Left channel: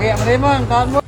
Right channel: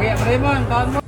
Nghiệm đi mừng con mua.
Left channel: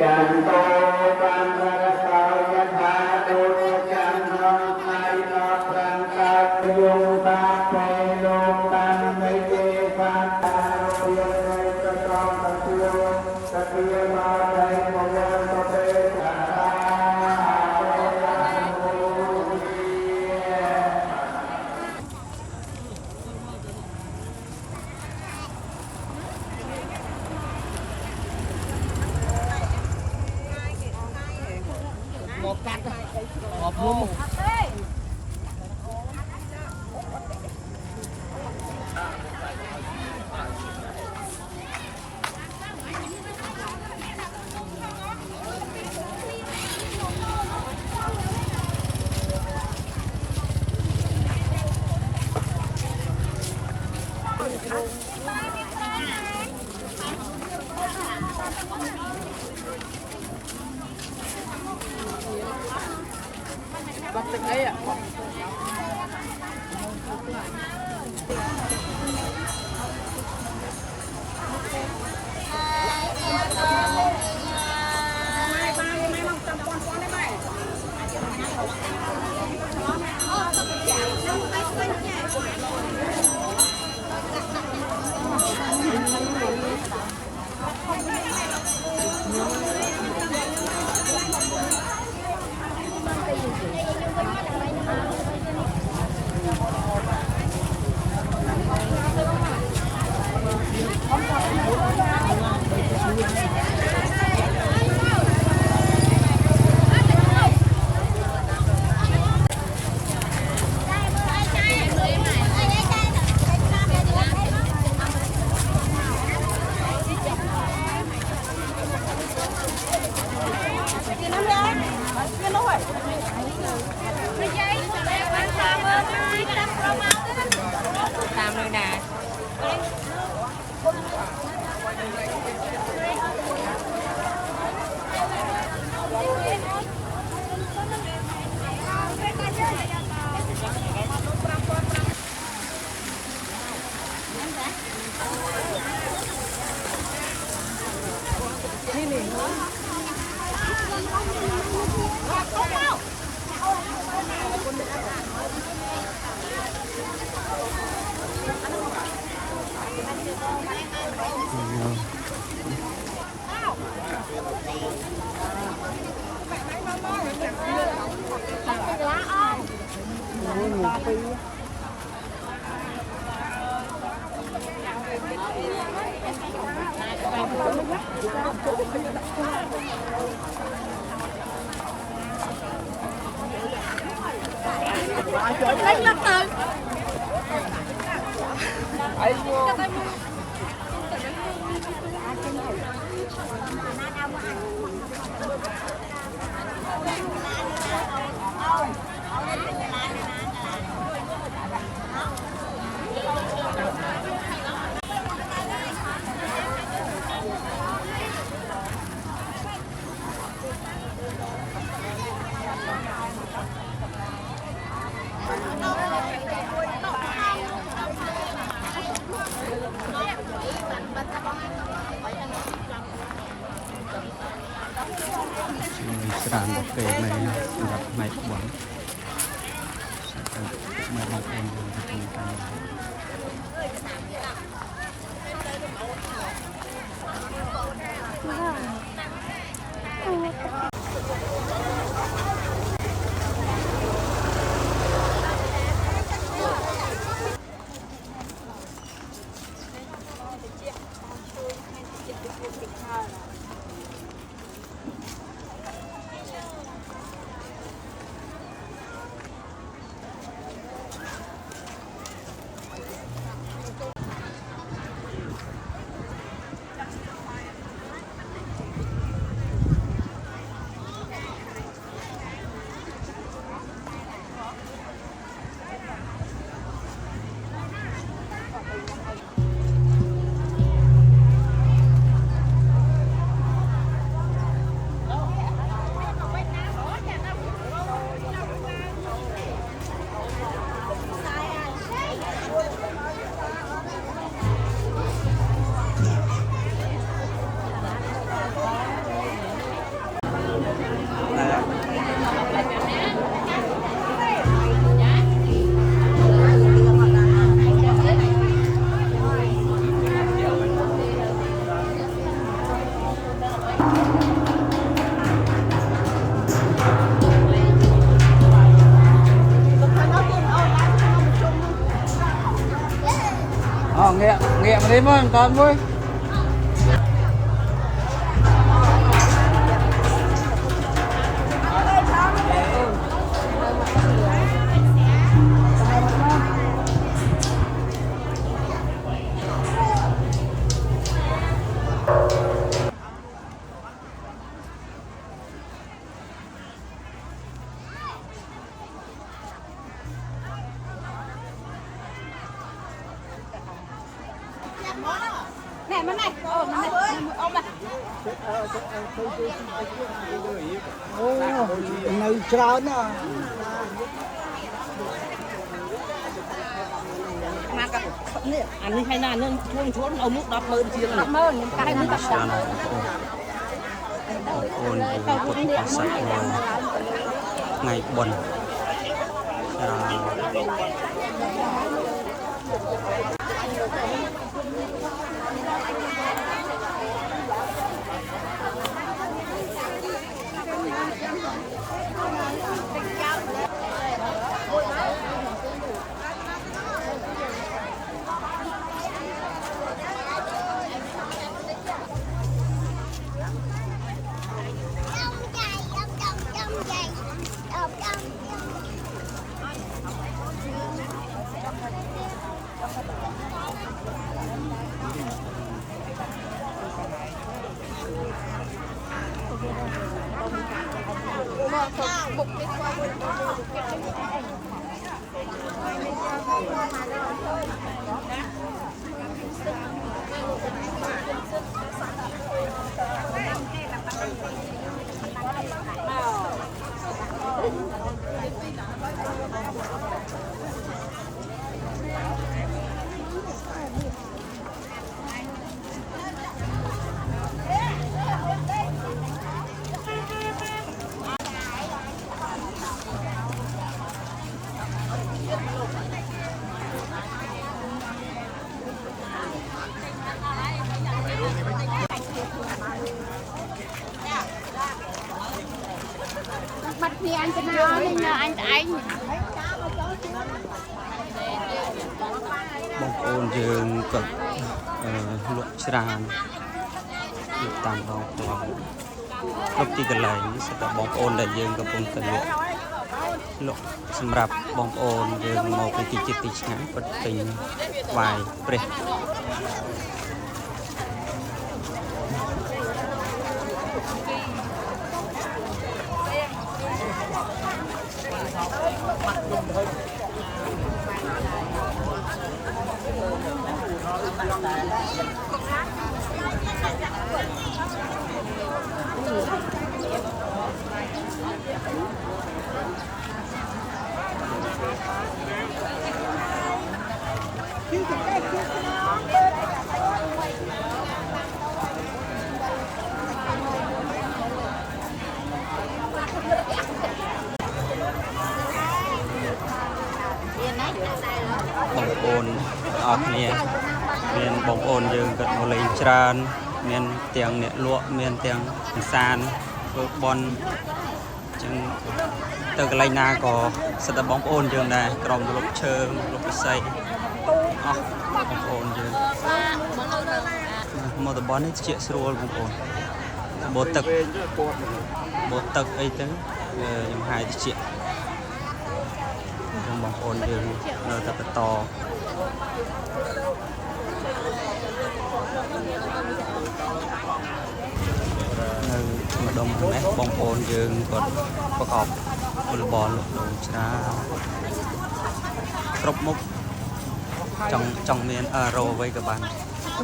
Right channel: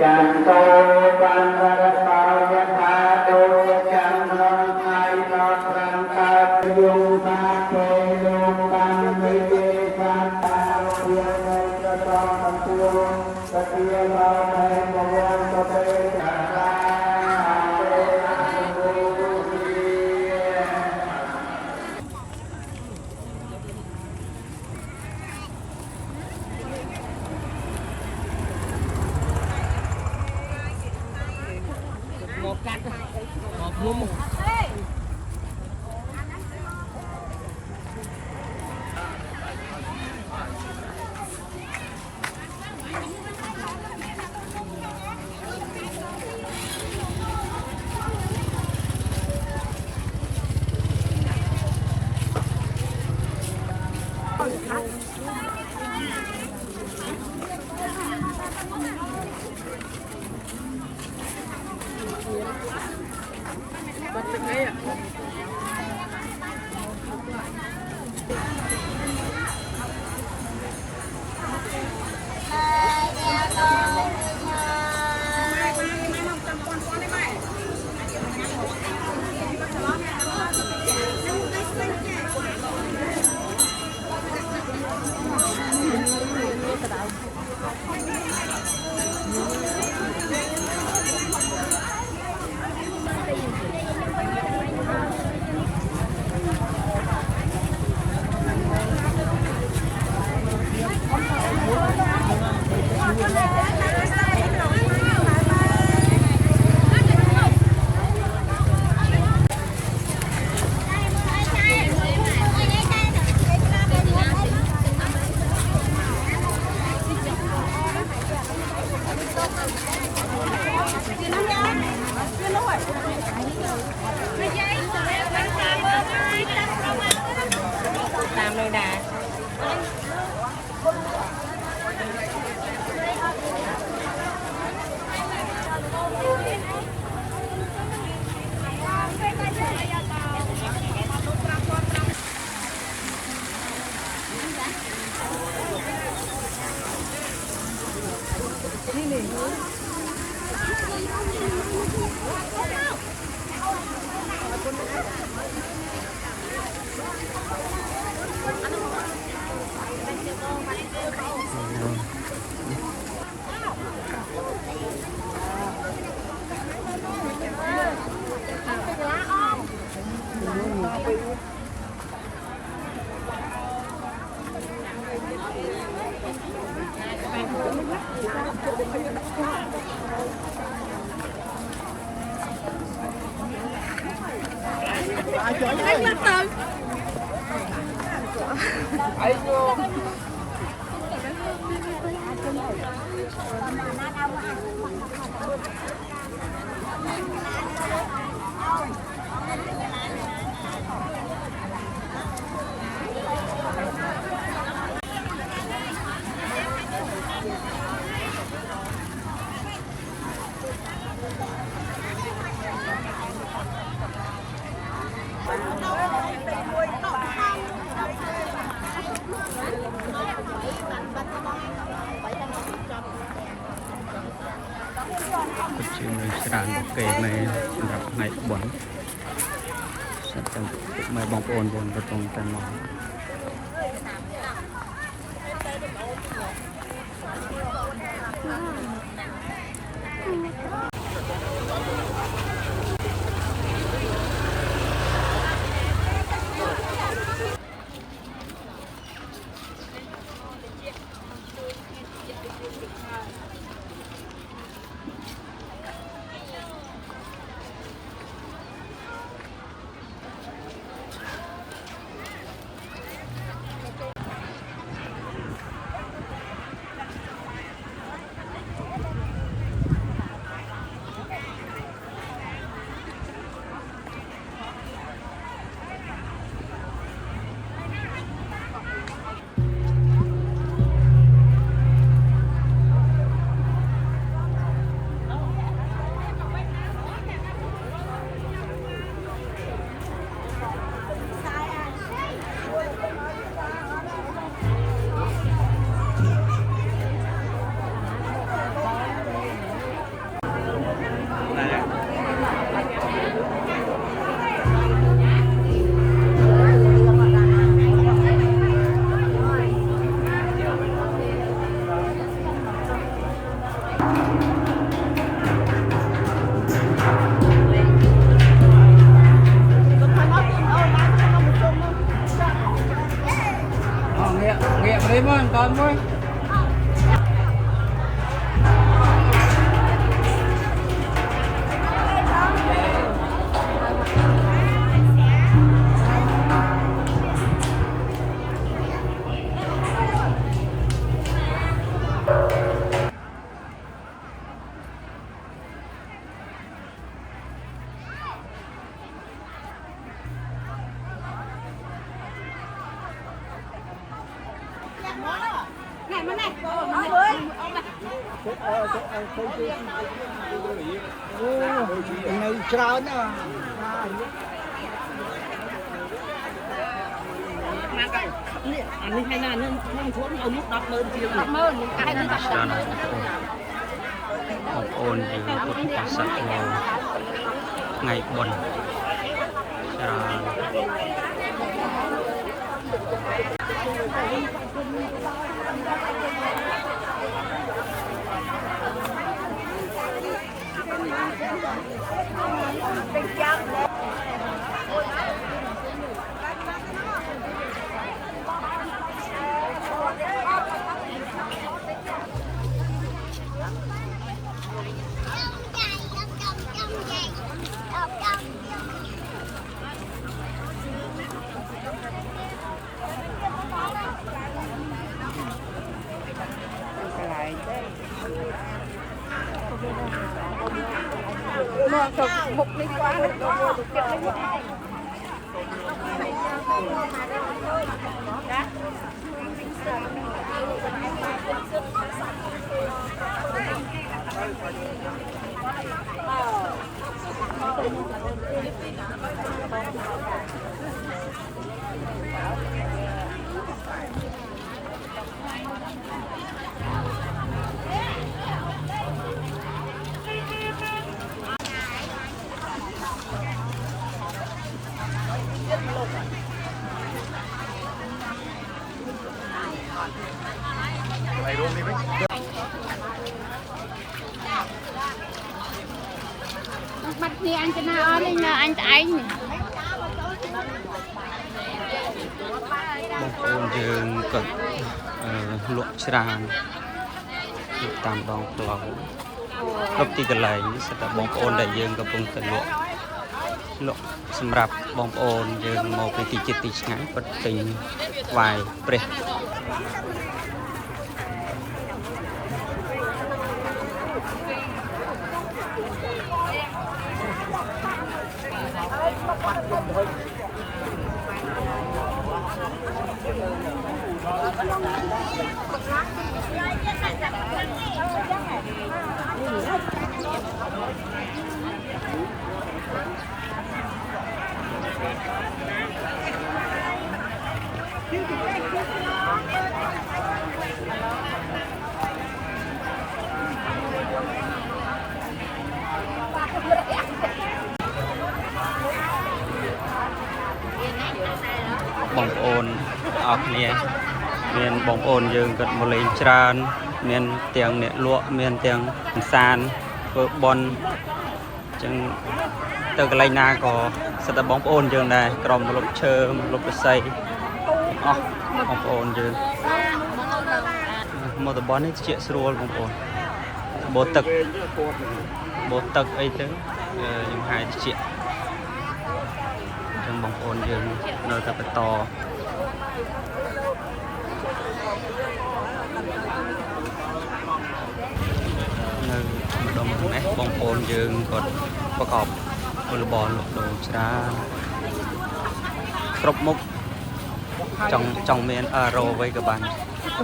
Chẳng tôi ban ra sao nhất tha đôi chẳng nói ai nó rằng ta dùng ta kê luôn tăng mấy kê phan ta yêu ngay cho con tiêu ta kia lo thấy một người có thể trả một cắt một vuông. Bắt được đấy ạ. Làm nơi nào lấy lắm từ ច្រើនរបស់គេនៅសម្រាប់ផ្នែកបុណ្យចឹងម៉ែបងប្អូនយើងកំពុងតែមក Nghiện đi mừng con mừng. Này mà này, ôm mà. Ngày trao đó. Anh đi hay là nó không trốn ông lúc 10,000 chia rồi. 10,000 cái này. ច្រើនហើយបងប្អូនយើងពុទ្ធបរិស័ទមកថ្ងៃបុណ្យច្រើន Mặt thì anh cho nó nên là anh anh បងប្អូនយើងក៏លក់ច្រើនតាមដងផ្លូវគ្រប់ទីកន្លែងនេះសិតតែបងប្អូនដែលយើងកំពុងតែលក់សម្រាប់បងប្អូនយើងមកពីទីចិត្តទីឆ្ងាយគាត់ទិញថ្វាយព្រះ Hãy subscribe cho kênh Ghiền Mì Gõ để không bỏ lỡ នអរគ្នាមានបងប្អូនយើងក៏មកលេងច្រើនមានទាំងអ្នកលក់មានទាំងសានធ្វើបន់ចឹងទៅកន្លែងណាក៏សិតតែបងប្អូនយើងដែរក្រុមលុបឈើលុបរស័យអស់បងប្អូនយើងមកតំបន់នេះជាស្រួលបងប្អូនបូតទឹកអីទៅខ្ញុំហាយតិចចឹងបងប្អូនយើងនៅតែបន្តនៅម្ដុំខាងនេះបងប្អូនយើងគាត់ប្រកបពលរបរលក់ដូរច្រើនគ្រប់មុខចង់មានរោអ្វីក៏បាន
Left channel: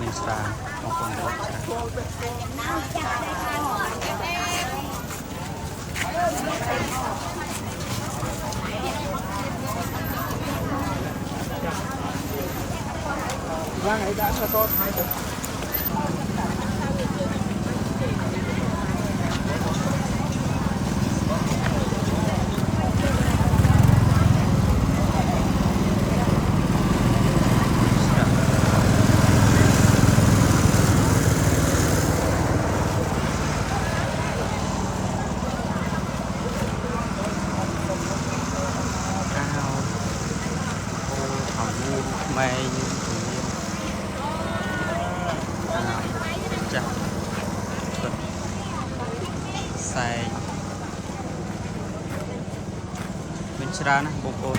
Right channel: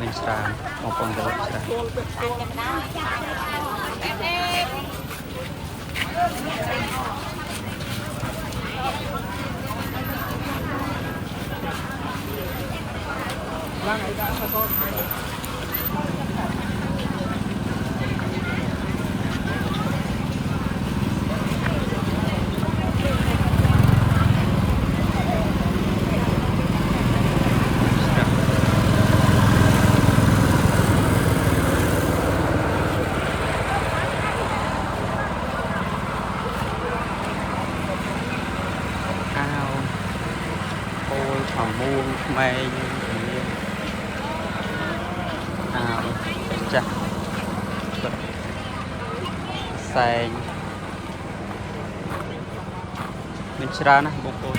មានច្រើនបងប្អូនក៏លក់ច្រើនមួងខ្មែរយើងក៏មានចាស់គាត់ផ្សែងមានច្រើនណាស់បងប្អូន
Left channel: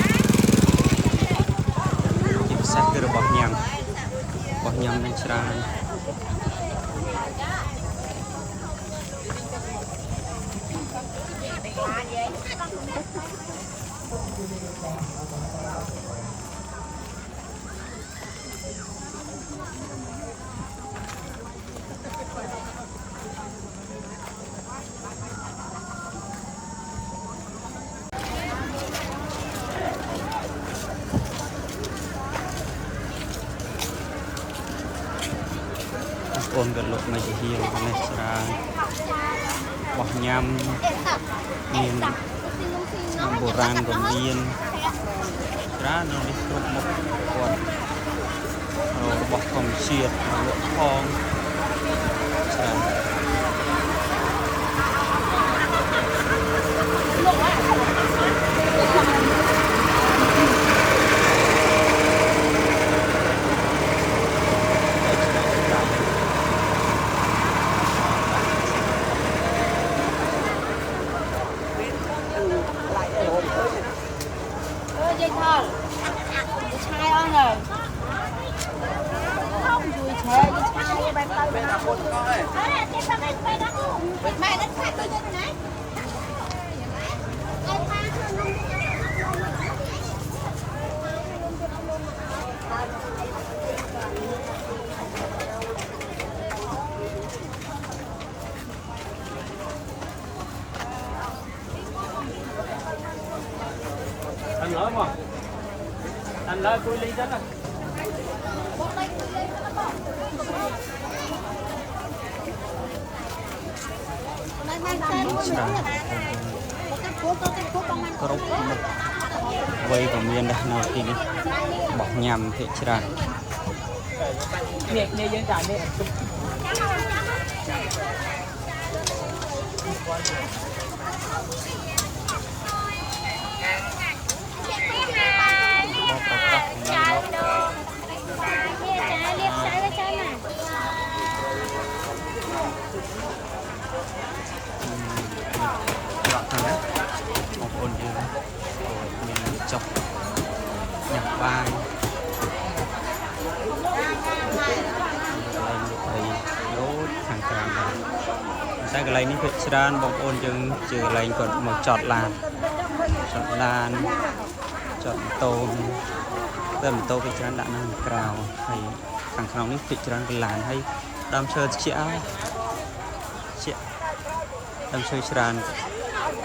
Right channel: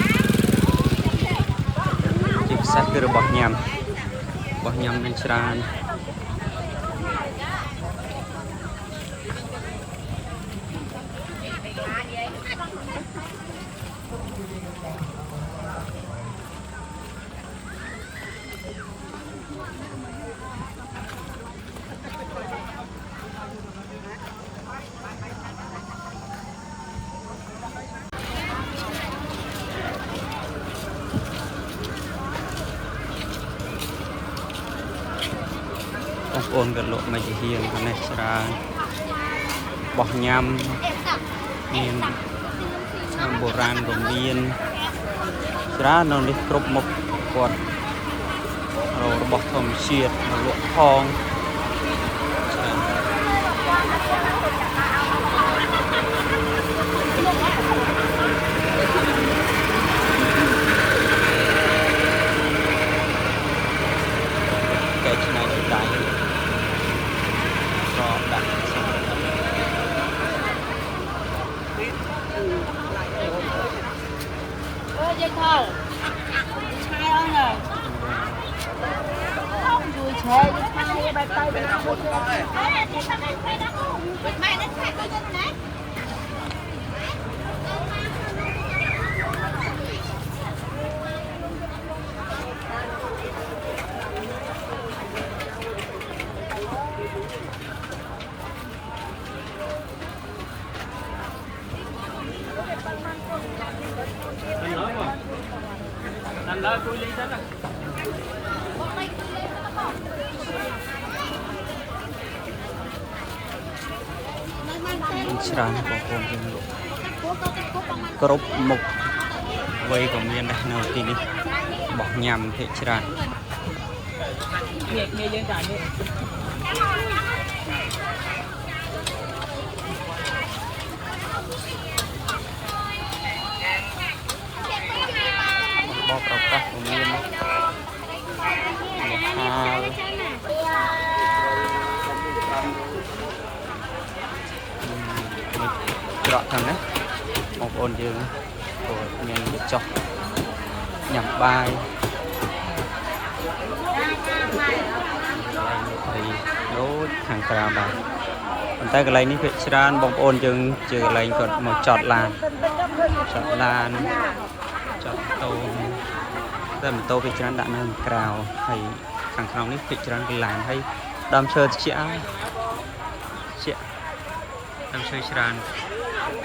ទីផ្សារគឺរបស់ញ៉ាំមានច្រើនបងប្អូនក៏លក់មកជាហៀងខាងនេះច្រើនបោះញ៉ាំមានឆ្នាំបុរាណក៏មានច្រើននៅនេះគ្រប់មុខគាត់របស់ធម្មជាតិមកលក់ផងច្រើនdây thol chai on rồi vui chè dây chai bay tay bay nào mày nó chai tôi cho này anh nói mà anh nói tôi đi chếtច្រើនបងប្អូនយើងលក់គ្រប់មុខអ្វីក៏មានដែរនៅទីនេះបោះញ៉ាំភាគច្រើននេះយើងចានេះបបប្រកាសក៏មានច្រកខាងនេះបងប្អូនយើងគាត់មានវាចុះញ៉ាំបាយដូចខាងក្រៅដែរប៉ុន្តែកន្លែងនេះភាគច្រើនបងប្អូនយើងជាកន្លែងគាត់មកចតឡានចតម៉ូតូតែម៉ូតូភាគច្រើនដាក់នៅក្រៅហើយខាងក្នុងនេះភាគច្រើនគឺឡានហើយដើមឈើត្រជាក់ដើមឈើច្រើន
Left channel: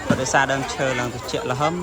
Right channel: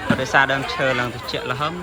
ក៏ដោយសារដើមឈើឡើងត្រជាក់ល្ហឹម